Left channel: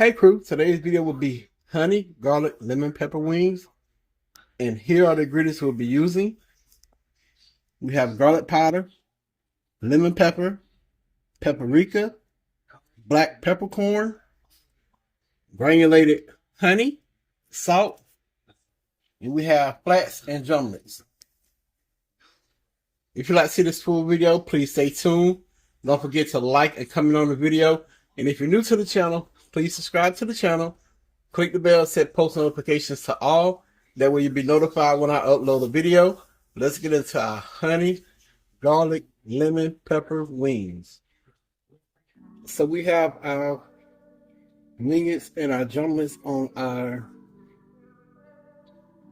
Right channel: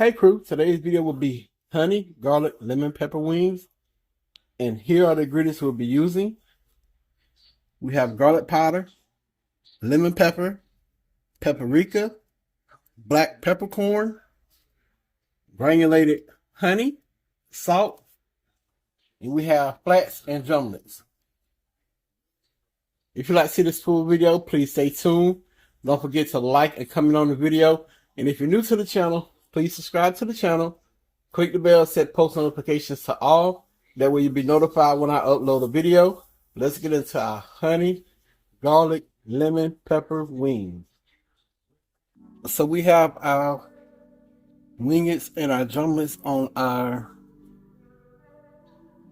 Hey crew, today's video will be honey, garlic, lemon pepper wings. And here are the ingredients we'll be using. We have garlic powder, lemon pepper, paprika, black peppercorn, granulated honey, salt, and we have flats and drumlets. If you'd like to see this full video, please stay tuned. Don't forget to like and comment on the video. And if you're new to the channel, please subscribe to the channel. Click the bell, set post notifications to all. That way you'll be notified when I upload a video. Let's get into our honey, garlic, lemon, pepper wings. So we have our wingets and our drumlets on our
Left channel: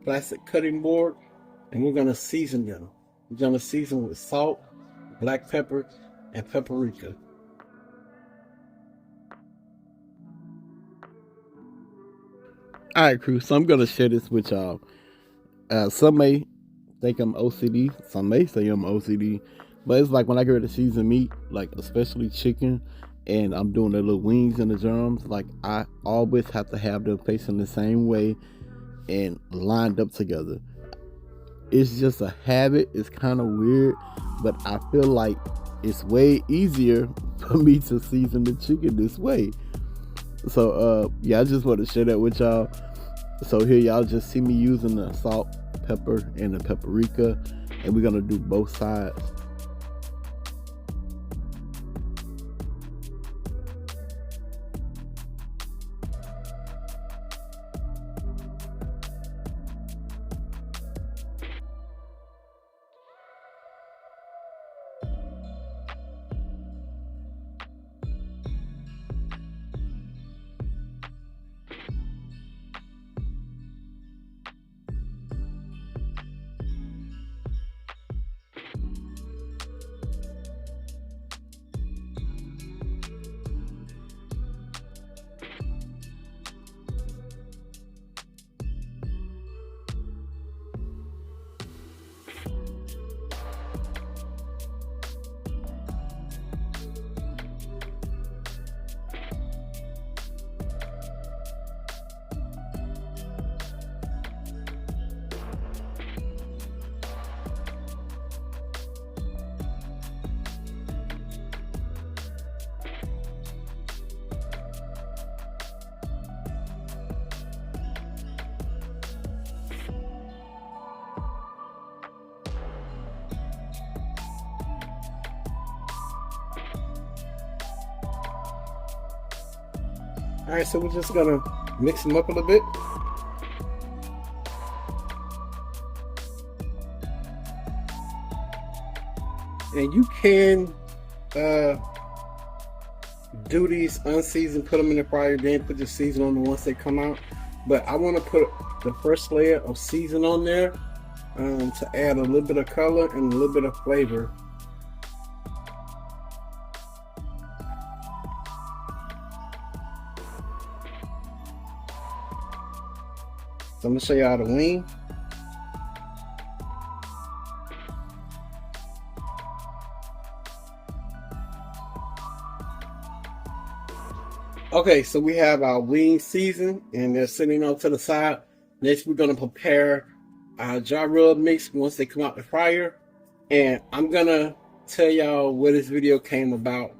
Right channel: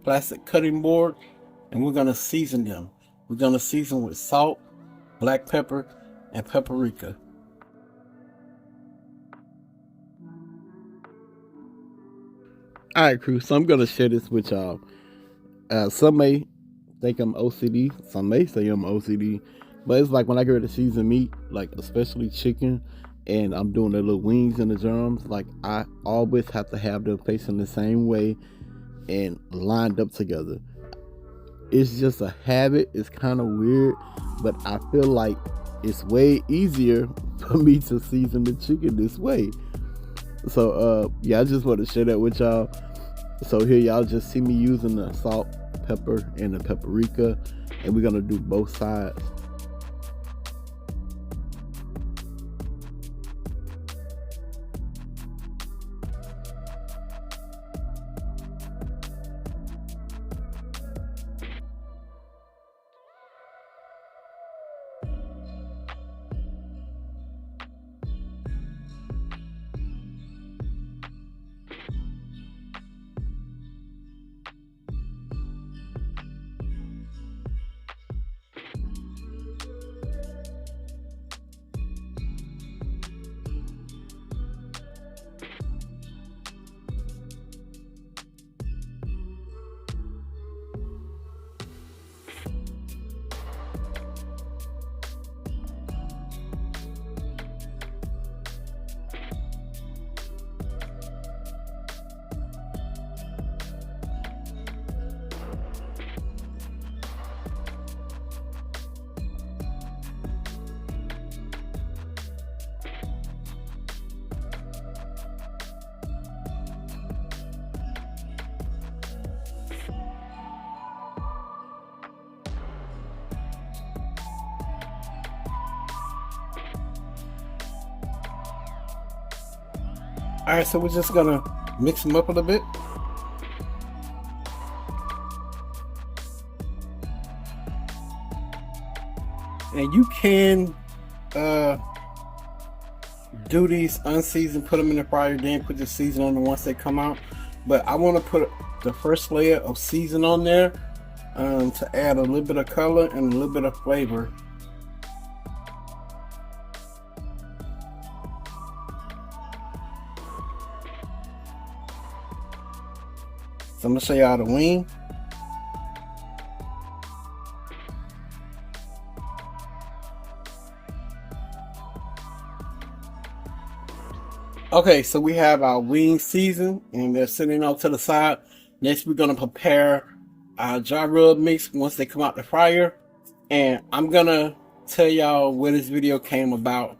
plastic cutting board, and we're going to season them. We're going to season with salt, black pepper, and paprika. Alright crew, so I'm going to share this with y'all. Some may think I'm OCD, some may say I'm OCD, but it's like when I get ready to season meat, like especially chicken, and I'm doing the little wings and the drums, like I always have to have them facing the same way and lined up together. It's just a habit. It's kind of weird, but I feel like it's way easier for me to season the chicken this way. So yeah, I just want to share that with y'all. So here y'all just see me using the salt, pepper, and the paprika, and we're gonna do both sides. Alright, so we're just gonna mix them up a little bit. And you can do these unseasoned, put them in the fryer, then put the seasoning on them once they come out. But I want to put the first layer of season on there to add a little bit of color and a little bit of flavor. So I'm gonna show you how to wing. Okay, so we have our wings seasoned and they're sitting off to the side. Next, we're gonna prepare our dry rub mix once they come out the fryer. And I'm gonna tell y'all where this video came about.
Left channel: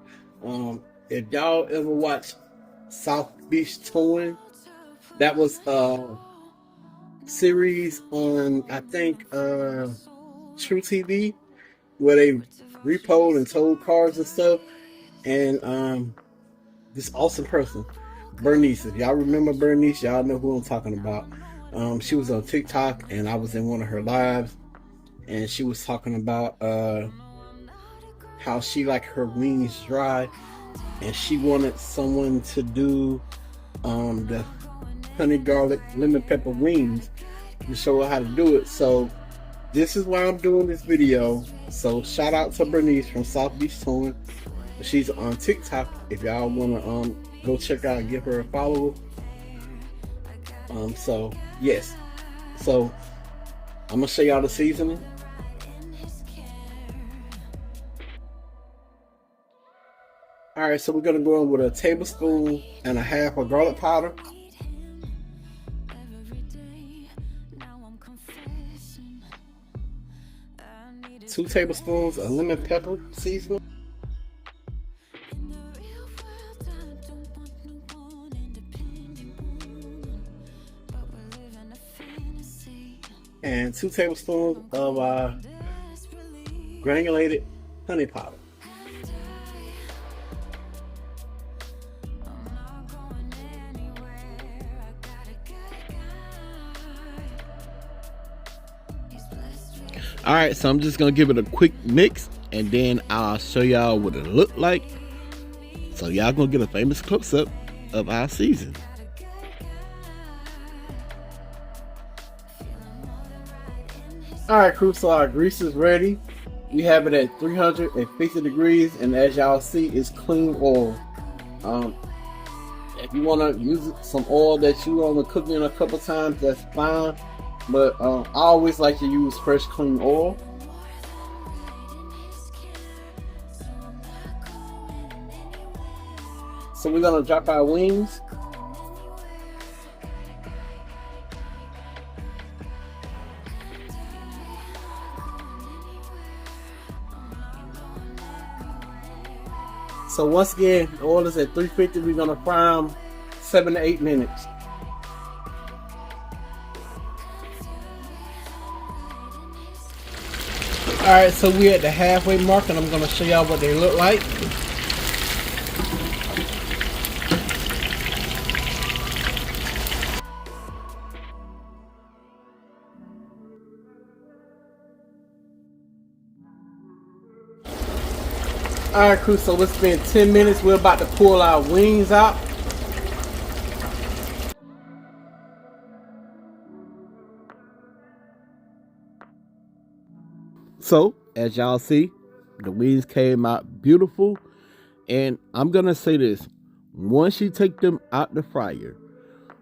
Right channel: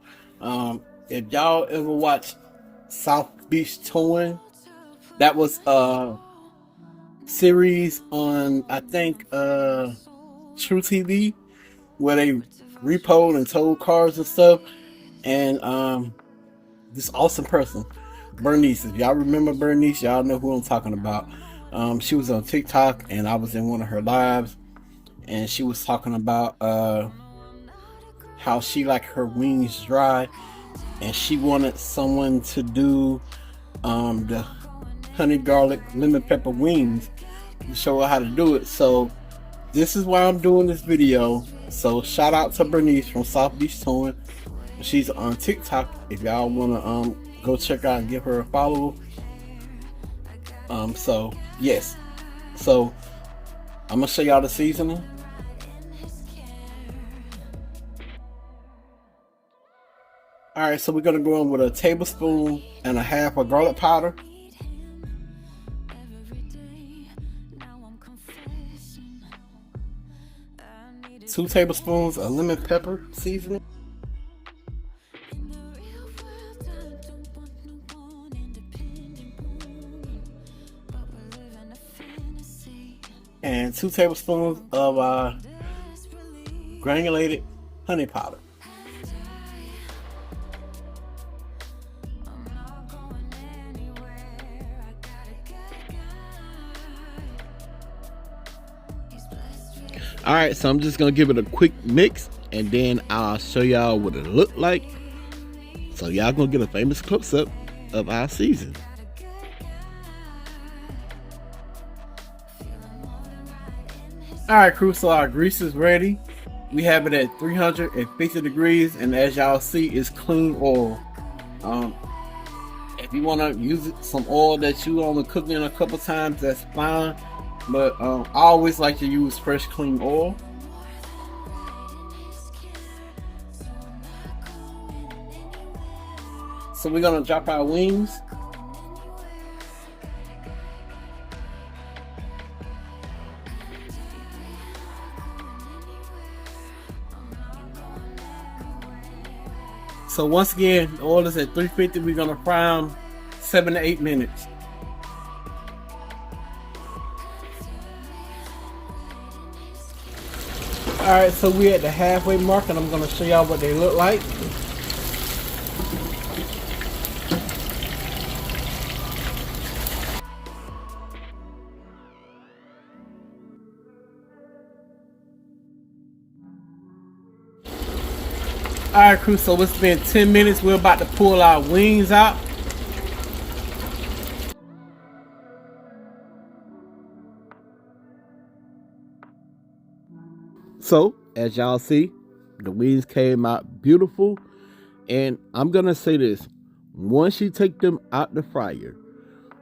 If y'all ever watched South Beach Touring, that was series on, I think, True TV, where they repoed and towed cars and stuff. And this awesome person, Bernice, if y'all remember Bernice, y'all know who I'm talking about. She was on TikTok and I was in one of her lives, and she was talking about how she liked her wings dry, and she wanted someone to do the honey, garlic, lemon pepper wings to show her how to do it. So this is why I'm doing this video. So shout out to Bernice from South Beach Touring. She's on TikTok if y'all want to go check out and give her a follow. So yes, so I'm gonna show y'all the seasoning. All Alright, so we're gonna go in with a tablespoon and a half of garlic powder. 2 tablespoons of lemon pepper seasoning. And 2 tablespoons of granulated honey powder. Alright, so I'm just gonna give it a quick mix and then I'll show y'all what it looked like. So y'all gonna get a famous close-up of our season. Alright crew, so our grease is ready. We have it at 350 degrees and as y'all see, it's clean oil. If you want to use some oil that you only cooked in a couple times, that's fine. But I always like to use fresh clean oil. So we're gonna drop our wings. So once again, the oil is at 350. We're gonna fry them 7 to 8 minutes. Alright, so we're at the halfway mark and I'm going to show y'all what they look like. Alright crew, so it's been 10 minutes. We're about to pull our wings out. So, as y'all see, the wings came out beautiful. And I'm going to say this. Once you take them out the fryer,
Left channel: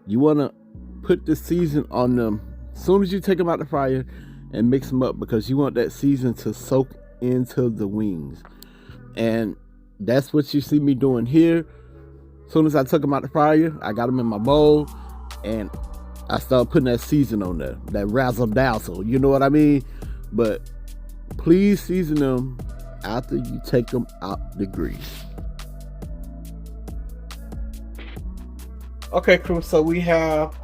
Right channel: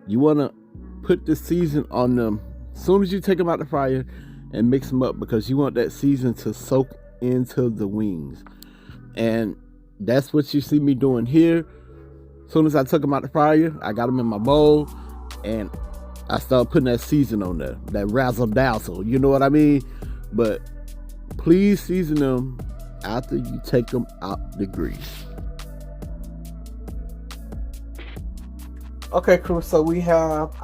you want to put the season on them as soon as you take them out the fryer and mix them up because you want that season to soak into the wings. And that's what you see me doing here. As soon as I took them out the fryer, I got them in my bowl and I started putting that season on there. That razzle dazzle, you know what I mean? But please season them after you take them out the grease. Okay crew, so we have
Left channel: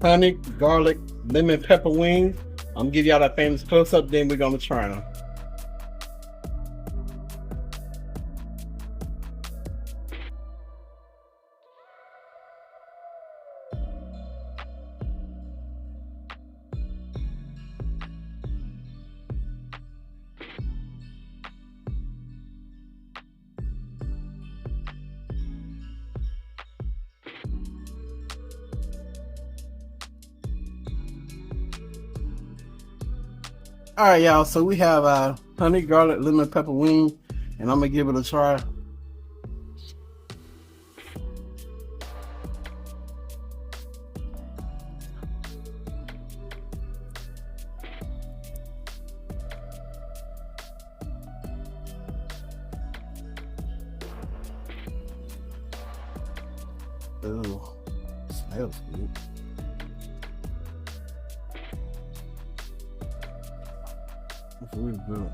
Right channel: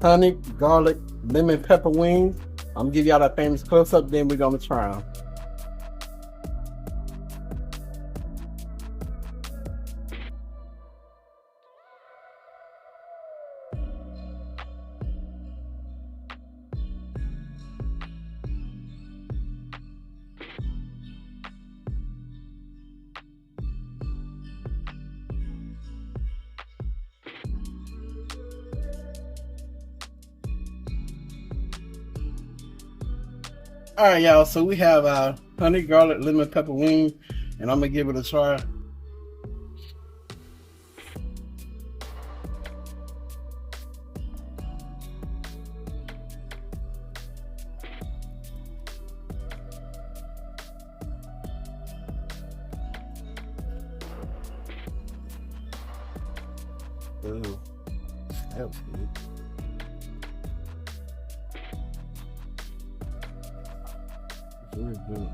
honey, garlic, lemon pepper wings. I'm gonna give y'all that famous close up, then we're gonna try them. Alright y'all, so we have honey, garlic, lemon pepper wing, and I'm gonna give it a try. Ooh, smells good. Really good.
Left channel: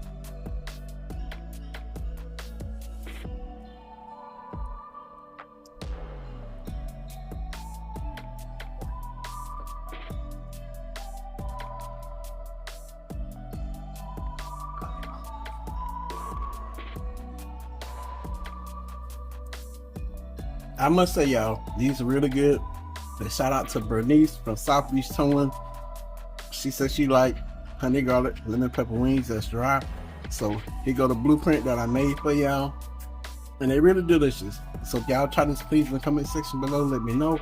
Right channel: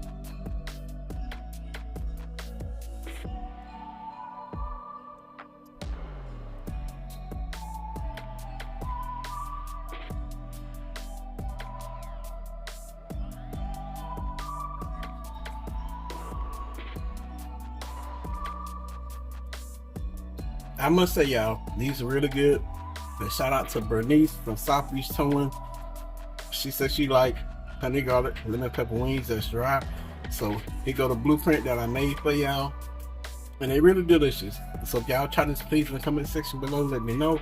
I must say y'all, these are really good. And shout out to Bernice from South Beach Towing. She said she liked honey, garlic, lemon pepper wings that's dry. So here go the blueprint that I made for y'all, and they really delicious. So if y'all try this, please in the comment section below let me know.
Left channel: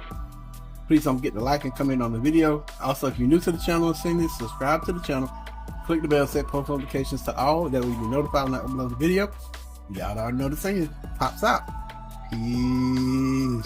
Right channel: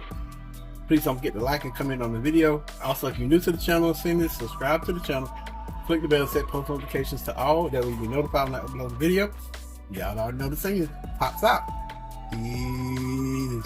Please don't forget to like and comment on the video. Also, if you're new to the channel and seeing this, subscribe to the channel, click the bell, set post notifications to all, that way you'll be notified when I upload a video. Y'all already know the saying, pops out. Peace.